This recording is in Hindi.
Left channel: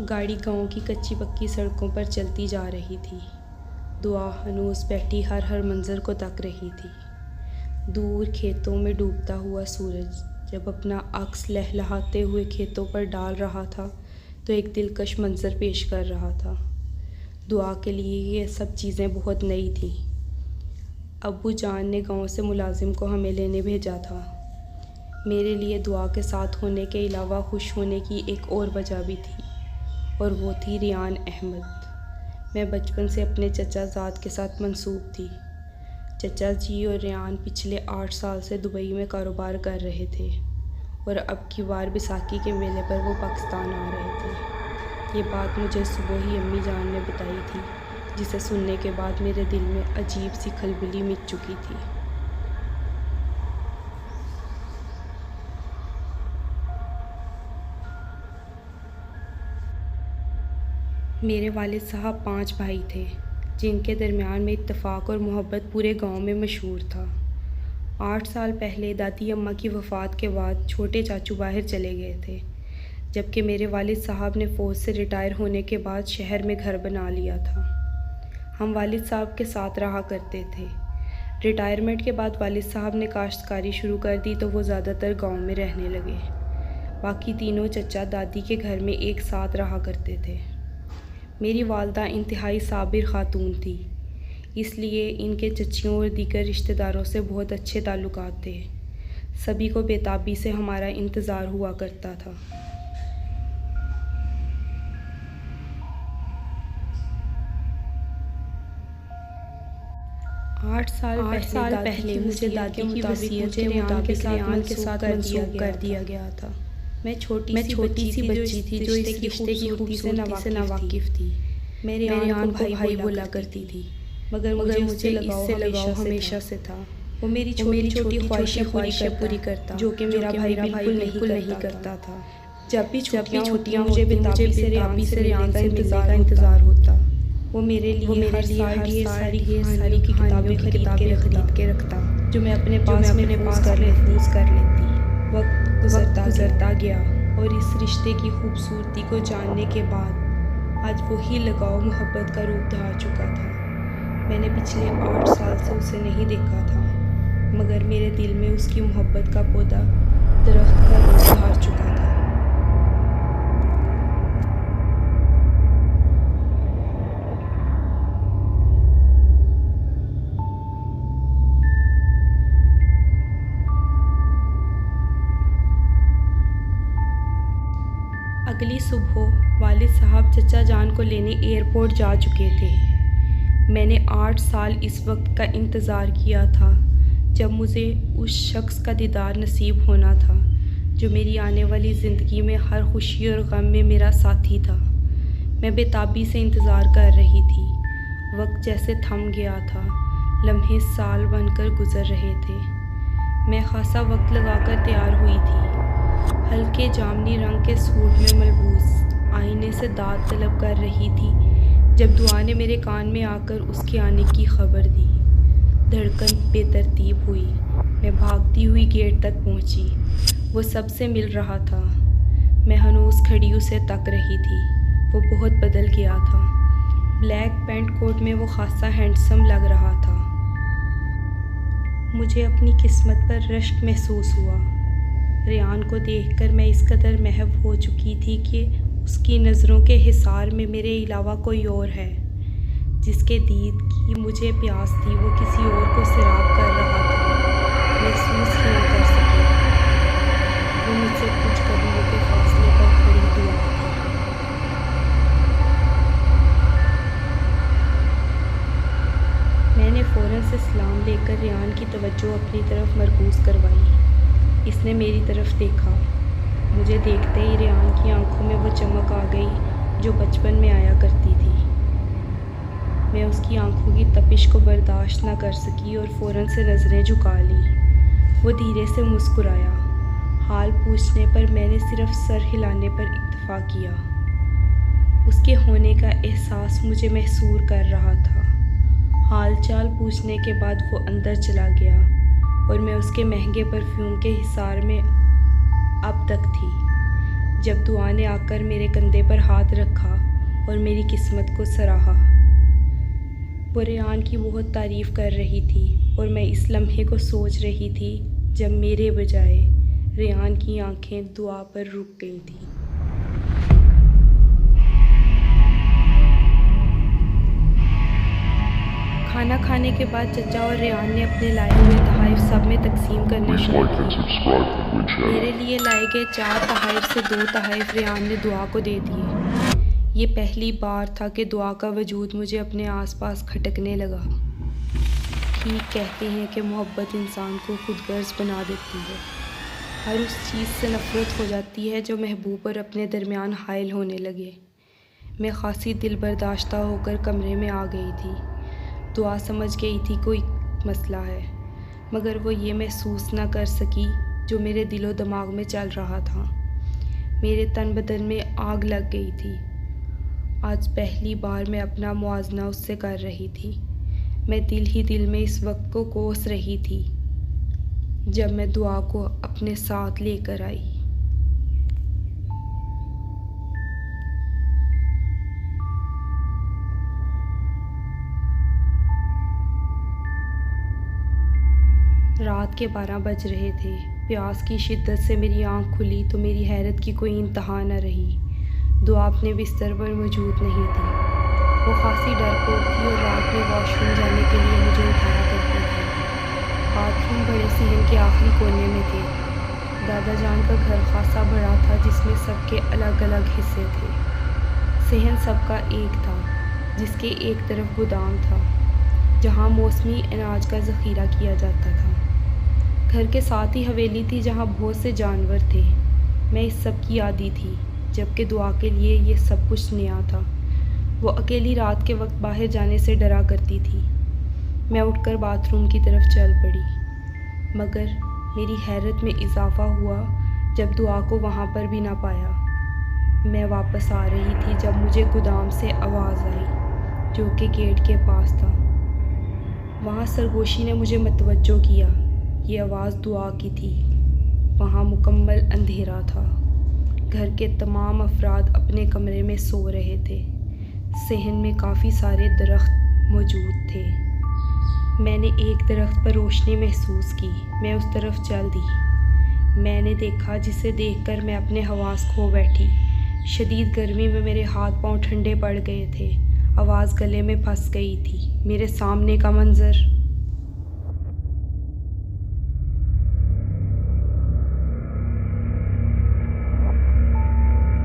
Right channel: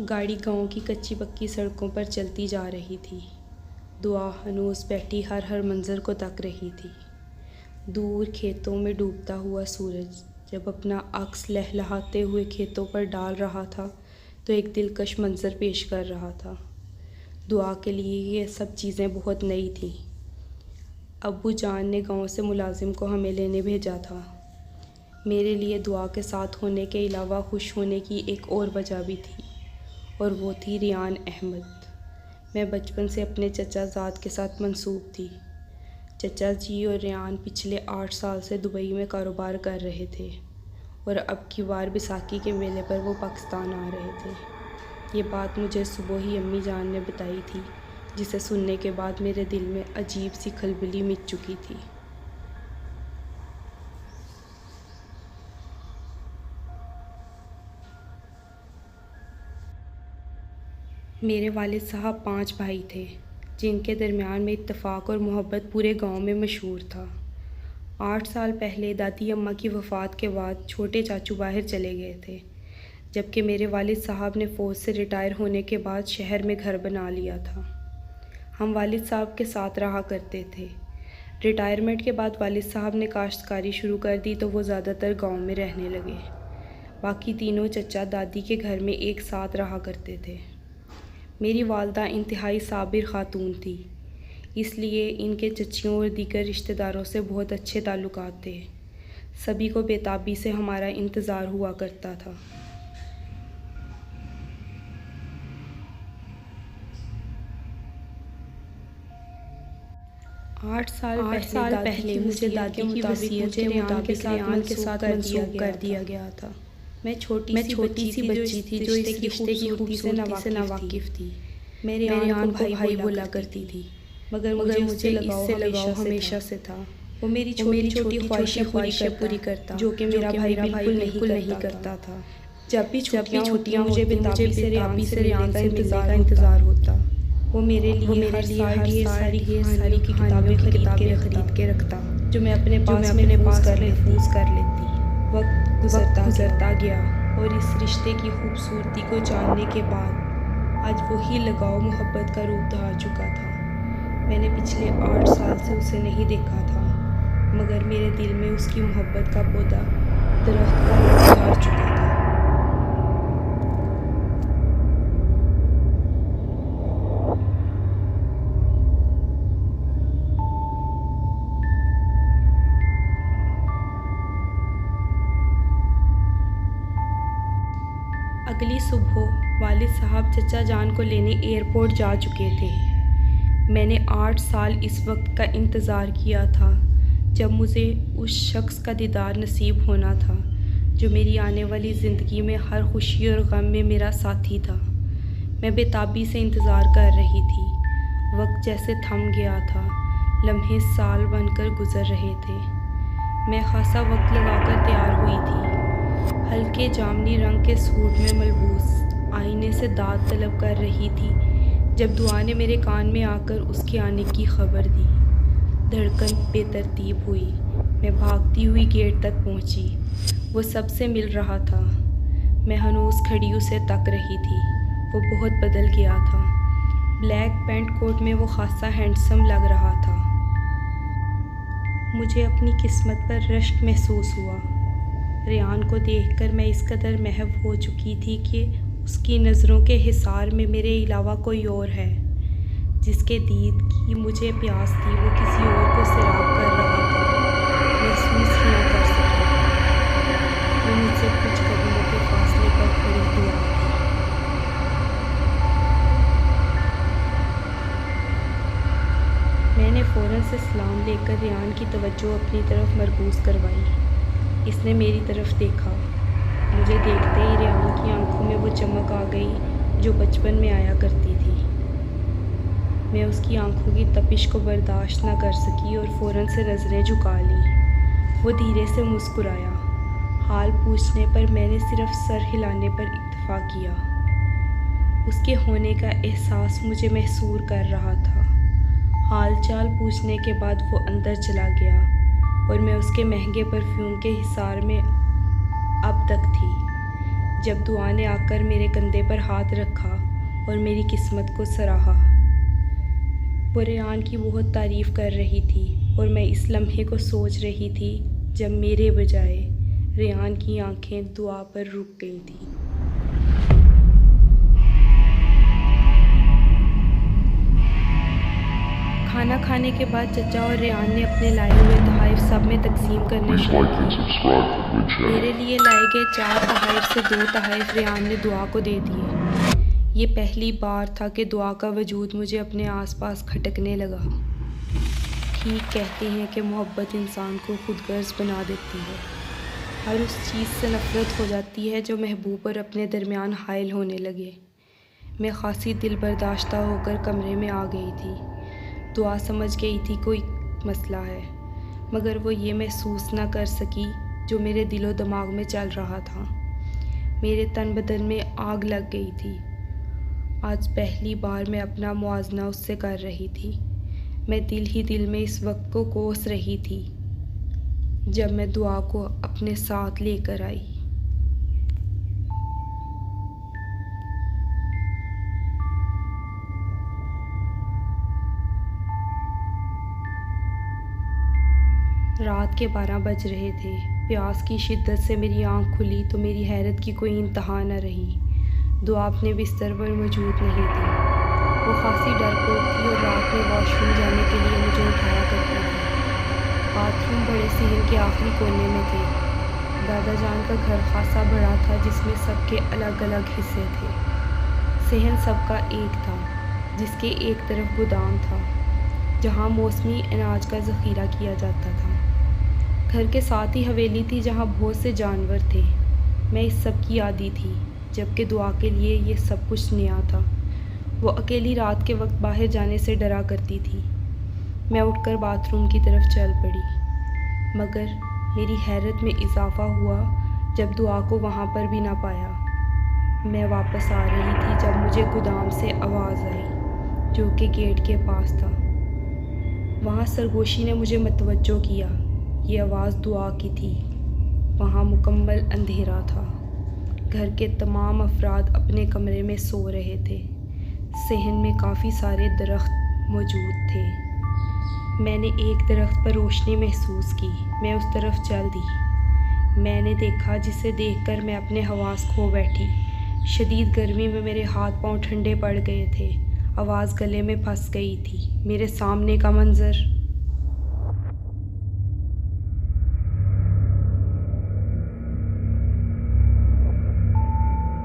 गाड़ी गांव की कच्ची पक्की सड़कों पर चलती जा रही थी। दुआ हनूस बैठी हर मंज़र को तक रही थी। दूर खेतों में डूबता हुआ सूरज जब अपना अक्स लहलहाते हुए खेतों पर डाल रहा था तो एक दिलकश मंज़र पेश कर रहा था। दुआ के लिए ये सब चीज़ें बहुत नई थीं। अब्बू जान ने गांव से मुलाजिम को हमें लेने भेजा था। मेरे लिए दुआ के साथ होने के अलावा खुश होने की एक और वजह भी थी, और वो थी रियान अहमद। मैं बचपन से अपने चचा ज़ाद के साथ मंसूब थी। चचा जी और रियान पिछले 8 साल से दुबई में कारोबार कर रहे थे, और अब की बार बैसाखी के मेले पर वो पाकिस्तान आ रहे थे। ये बात मुझे सुबह ही अम्मी जान ने बताई थी, जिसे सुनने के बाद मेरे दिल में अजीब सी खलबली मिट चुकी थी। मेरे वालिद साहब 5 भाई थे, जिनके दरमियान में इत्तेफाक और मोहब्बत पूरे गांव में मशहूर था। 8 साल पहले दादी अम्मा की वफ़ात के बाद छोटे चाचू बाहर चले गए थे, जबकि मेरे वालिद साहब ने फ़ौज से रिटायर होने के बाद शहर में घर बना लिया था। हम वालिद साहब के साथ रहा करते थे। रिटायरमेंट के बाद वालिद साहब ने काश्तकारी शुरू कर दी तो वो ज़्यादातर गांव में रहने लगे। बाकी तीनों चचा दादी के घर में एक साथ रहा करते थे। मेरी वालदा इंतहाई साबिर ख़ातून थी, इसलिए इनके चच्चियों और दीगर रिश्तेदारों से बहुत अच्छे ताल्लुकात थे। सभी को बेताबी से हमारा इंतज़ार हुआ करता था। आठ साल पहले मुझे दादी की वसीयत के मुताबिक रियान के साथ मंसूब कर दिया गया था। मैं छोटी सी बच्ची थी जो इस रिश्ते की खूबसूरती से नावाकिफ़ थी। मैं रियान को भाई बोला करती थी, मगर मुझे इससे लगाव हमेशा से था। वो मेरी छोटी ख्वाहिशें पूरी करता, जो कि मेरा भाई बिल्कुल नहीं करता था। जब भी छुट्टियाँ मुझे बेताबी से रियान का इंतज़ार होता। वो मेरे लिए हर साल ढेर सारी किताबें खरीद के रखता, जो मैं अपने पास महफूज कर लेती। वक्त गुजरता गया, और इस रिश्ते की खूबसूरती को जानने के बाद आज वही लगाव मोहब्बत का रूप धार चुका था। मैंने पिछले 8 साल से उसे नहीं देखा था, मगर मेरे दिल में उसकी मोहब्बत का पौधा दरख्त का रूप धार चुका था। अगली सुबह वालिद साहब चचा जान को लेने एयरपोर्ट जा चुके थे। मैंने 8 साल इस वक्त का इंतज़ार किया था जब मुझे उस शख्स का दीदार नसीब होना था, जो मेरी आने वाली ज़िंदगी में हर खुशी और गम में मेरा साथी था। मैं बेताबी से इंतज़ार कर रही थी। वक्त जैसे थम गया था, लम्हे साल बनकर गुज़र रहे थे। मैं खासा वक्त लगाकर तैयार हुई थी, हल्के जामनी रंग के सूट में मलबूस आईने से दाद तलब कर रही थी, जब दुआ ने मेरे कान में आकर उसके आने की खबर दी। धड़कन बेतरतीब हुई। मैं भागती हुई गेट तक पहुंची। वो सबसे मिल रहा था। मैं हनूस खड़ी उसे तक रही थी। वो बहुत बदल गया था। ब्लैक पैंट कोट में वो खासा हैंडसम लग रहा था। मुझे अपनी किस्मत पर रश्क महसूस हुआ। रियान को देखकर मैं इस कदर महव हो चुकी थी कि उसकी नज़रों के हिसार में मेरे अलावा कोई और है। जिसके दीद की मुझे प्यास थी, वो किसी और को सैराब कर रहा था। महसूस ही ना कर सकी। वो मुझसे कुछ कदमों के फासले पर खड़ी दुआ थी। मैंने फ़ौरन से सलाम लेकर रियान की तवज्जो अपनी तरफ मरकूज़ करवाई। इसने मेरी तरफ देखा। मुझे देखते ही रियान की आंखों में वो चमक आ गई जो बचपन में आया करती थी। मैं उसकी आंखों की तपिश को बर्दाश्त न कर सकी और फ़ौरन से नज़रें झुका लीं। वो धीरे से मुस्कुराया। हाल पूछने पर मैंने सिर्फ सर हिलाने पर इत्तफा किया। उसके होने का एहसास मुझे महसूर कर रहा था। हाल चाल पूछने के बाद वो अंदर चला गया, और मैं उसके महंगे परफ्यूम के हिसार में अब तक थी, जब दुआ ने आकर मेरे कंधे पर हाथ रखा और मेरी किस्मत को सराहा। वो रेहान की बहुत तारीफ़ कर रही थी और मैं इस लम्हे को सोच रही थी जब मेरे बजाय रेहान की आंखें दुआ पर रुक गई थीं। खाना खाने के बाद चचा और रेहान ने अपने लाए हुए तोहफ़े सब में तकसीम करने शुरू किए। मेरे लिए लाए गए 4 तोहफ़े से 2 तोहफ़े रेहान ने दुआ को दे दिए। ये पहली बार था कि दुआ का वजूद मुझे अपने आसपास खटकने लगा। ठीक कहते हैं कि मोहब्बत इंसान को खुदगर्ज़ बना देती है। हर उस चीज़ से नफ़रत हो जाती है जो महबूब और अपने दरमियान हाइल होने लगे। मैं खासी दिल बर्दाश्ता होकर कमरे में आ गई थी। दुआ समझ गई थी कोई मसला है, मगर वो ये महसूस ना कर सकी जो मेरे दिलो दिमाग में चल रहा था। मेरे तन बदन में आग लग गई थी। आज पहली बार मैं अपना मुआवजा उससे कर रही थी। मैं दिल ही दिल में इस वक्त को कोस रही थी जब मैं दुआ को अपने साथ लेकर आई। रात के 12 बज रहे थे। प्यास की शिद्दत से मेरी आँख खुली तो मेरी हैरत की कोई इंतहा न रही। दुआ अपने बिस्तर पर मौजूद नहीं थी। वो खासी डरपोक थी और रात में वॉशरूम जाने के लिए मुझे उठाया करती थी। बाथरूम बड़े सहन के आखिरी कोने में थे। दादा जान का घर खासा बड़ा था जिसमें सबके अलग अलग हिस्से थे। सहन सबका एक था जिसके एक तरफ गोदाम था जहाँ मौसमी अनाज का ज़ख़ीरा किया जाता था। घर के साथ ही हवेली थी जहाँ बहुत से जानवर थे। मैं इस सब की आदी थी, जबकि दुआ के लिए ये सब कुछ नया था। वो अकेली रात के वक्त बाहर जाने से डरा करती थी। मैं उठकर बाथरूम की तरफ चल पड़ी, मगर मेरी हैरत में इजाफ़ा हुआ जब दुआ को वहाँ पर भी ना पाया। मैं वापस आ रही थी जब मुझे गोदाम से आवाज़ आई, जो कि गेट के पास था। वहाँ सरगोशी ने मुझे मतवज्जो किया। ये आवाज़ दुआ की थी। वहाँ मुकम्मल अंधेरा था। घर के तमाम अफराद अपने कमरे में सो रहे थे। सहन में काफ़ी सारे दरख्त मौजूद थे। मैंने एक दरख्त पर रोशनी महसूस की। मैं उस तरफ चल दी। मैंने देखा जिसे देखकर मैं अपने हवास खो बैठी। शदीद गर्मी में मेरे हाथ पांव ठंडे पड़ गए थे। आवाज़ गले में फंस गई थी। मेरे सामने का मंज़र